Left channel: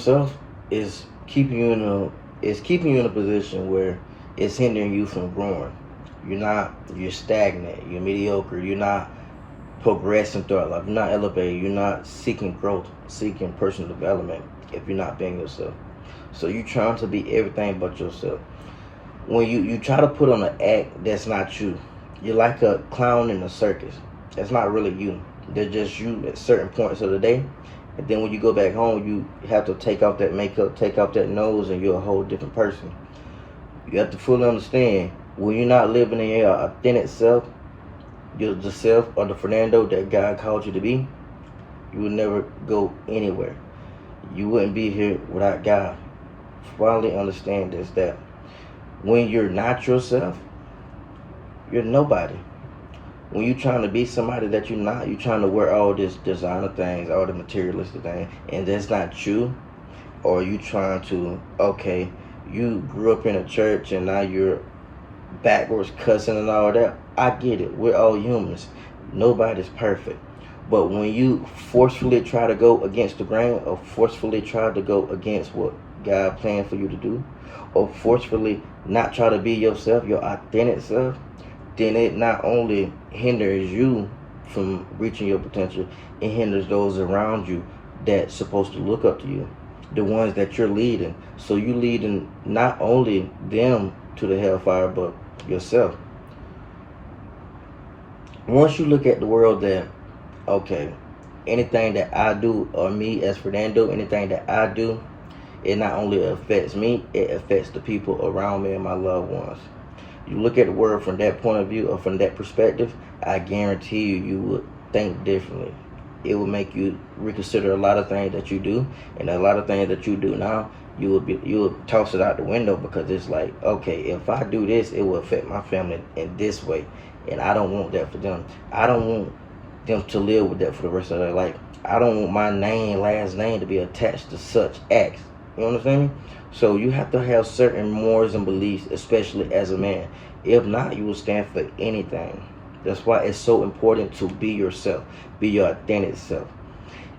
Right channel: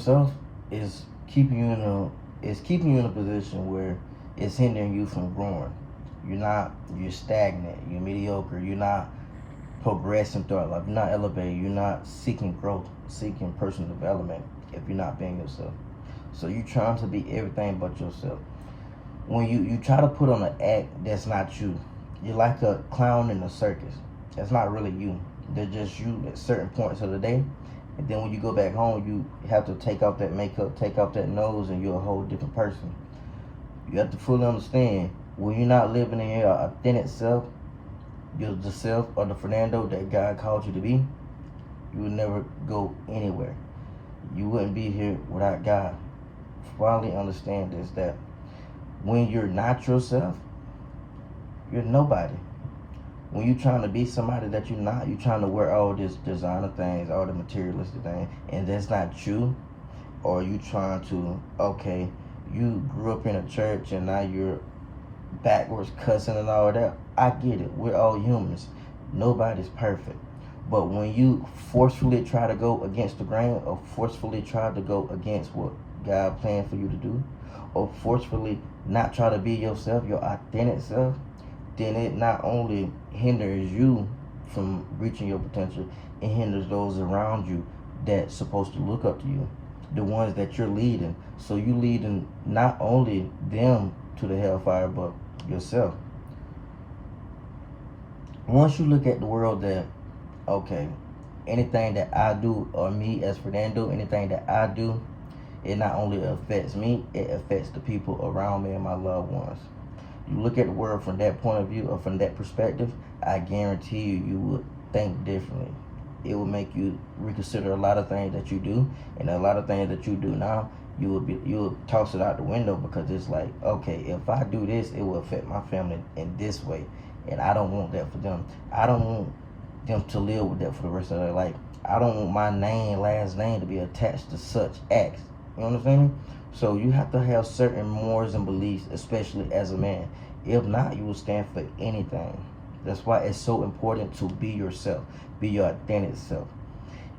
Self is keeping you in a position where it's hindering you from growing. You're stagnant, you're mediocre, you're not progressing throughout life, you're not elevating, you're not seeking growth, seeking personal development if you're not being yourself. So you're trying to be everything but yourself. When you try to put on an act that's not you, you're like a clown in a circus. That's not really you. They're just you at certain points of the day. And then when you go back home, you have to take off that makeup, take off that nose, and you're a whole different person. You have to fully understand when you're not living in your authentic self, you're the self or the Fernando that God called you to be, you would never go anywhere. You wouldn't be here without God. Finally understand this, that when you're not yourself, you're nobody. When you're trying to be somebody that you're not, you're trying to wear all this designer things, all the materialistic things, and that's not you. Or you trying to, okay, you grew up in a church and now you're backwards cussing and all that. I get it. We're all humans. Nobody's perfect. But when you forcefully try to go against the grain, or forcefully try to go against what God planned for you to do, or forcefully not try to be yourself, your authentic self, then it not only hinders you from reaching your potential, it hinders those around you that's supposed to look up to you, the ones that you're leading. So you leading not only them to the hellfire, but yourself. Once you look at the world that, okay, anything that I do, or me as Fernando, anything that I do, it not only affects me, it affects the people around me and my loved ones. You look at the world from that point of view, or from that perspective, I guarantee you would think differently. It will make you reconsider a lot of things that you do, and a lot of things that you do now. You will toss it out the window, because it's like, okay, if I do this, it will affect my family in this way, and I don't want that for them. I don't want them to live with that for the rest of their life. I don't want my last name, to be attached to such acts. You understand me? So you have to have certain morals and beliefs, especially as a man. If not, you will stand for anything. That's why it's so important to be yourself, be your authentic self.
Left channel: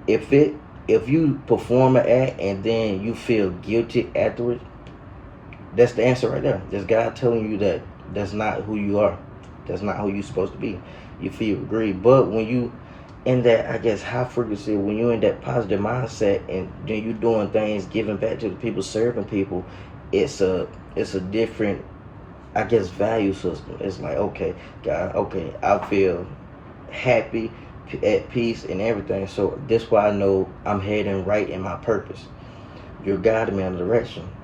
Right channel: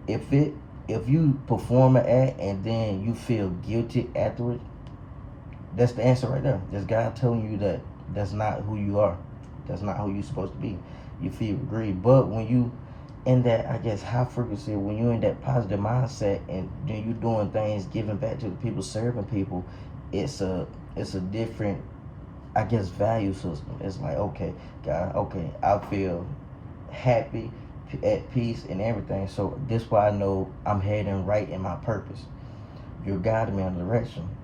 If it if you perform an act and then you feel guilty afterwards, that's the answer right there. That's God telling you that that's not who you are. That's not who you're supposed to be. You feel greed. But when you in that, I guess, high frequency, when you're in that positive mindset and then you doing things, giving back to the people, serving people, it's a different, I guess, value system. It's like, okay, God, okay, I feel happy, at peace, and everything. So that's why I know I'm heading right in my purpose. You're guiding me in the direction.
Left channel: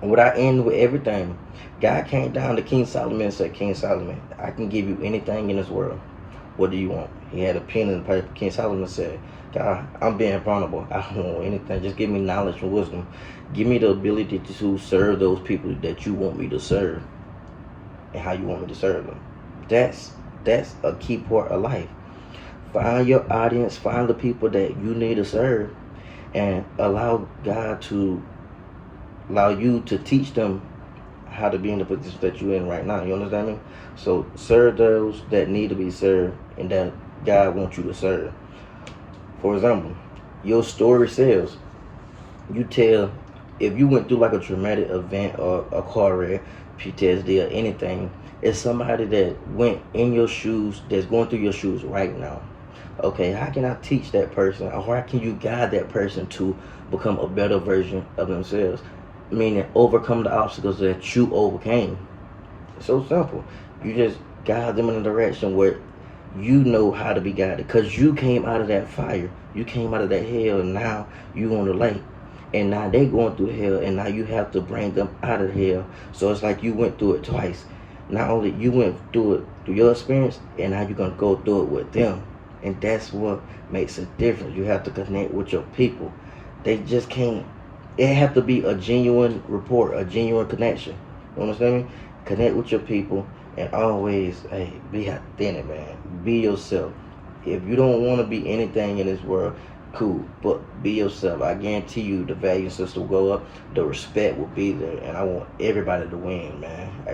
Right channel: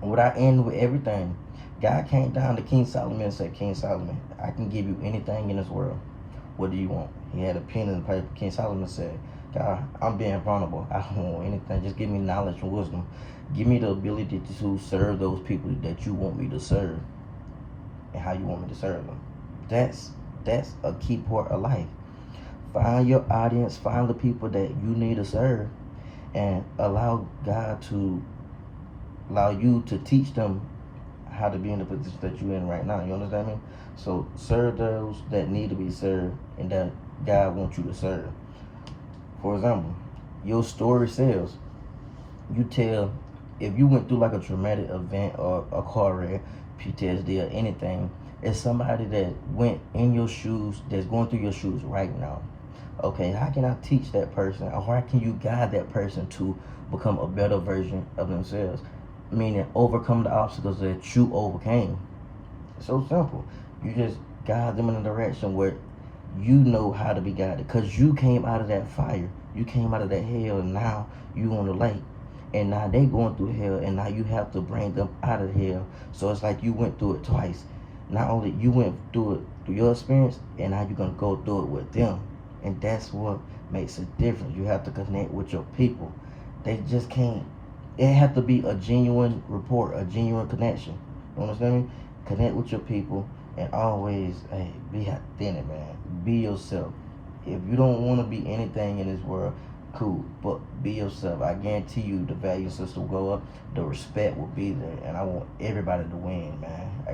And what I end with everything, God came down to King Solomon and said, King Solomon, I can give you anything in this world. What do you want? He had a pen and paper. King Solomon said, God, I'm being vulnerable. I don't want anything. Just give me knowledge and wisdom. Give me the ability to serve those people that you want me to serve, and how you want me to serve them. That's a key part of life. Find your audience, find the people that you need to serve, and allow God to allow you to teach them how to be in the position that you're in right now. You understand me? So serve those that need to be served and that God wants you to serve. For example, your story sells. You tell, if you went through like a traumatic event or a car wreck, PTSD or anything, it's somebody that went in your shoes, that's going through your shoes right now. Okay, how can I teach that person, or how can you guide that person to become a better version of themselves? Meaning overcome the obstacles that you overcame. It's so simple. You just guide them in a direction where you know how to be guided, because you came out of that fire, you came out of that hell, and now you on the light, and now they going through hell, and now you have to bring them out of hell. So it's like you went through it twice. Not only you went through it through your experience, and now you're gonna go through it with them. And that's what makes a difference. You have to connect with your people. They just can't, it have to be a genuine rapport, a genuine connection. You understand me? Connect with your people, and always, hey, be authentic, man. Be yourself. If you don't want to be anything in this world, cool, but be yourself. I guarantee you the value system will go up, the respect will be there, and I want everybody to win, man.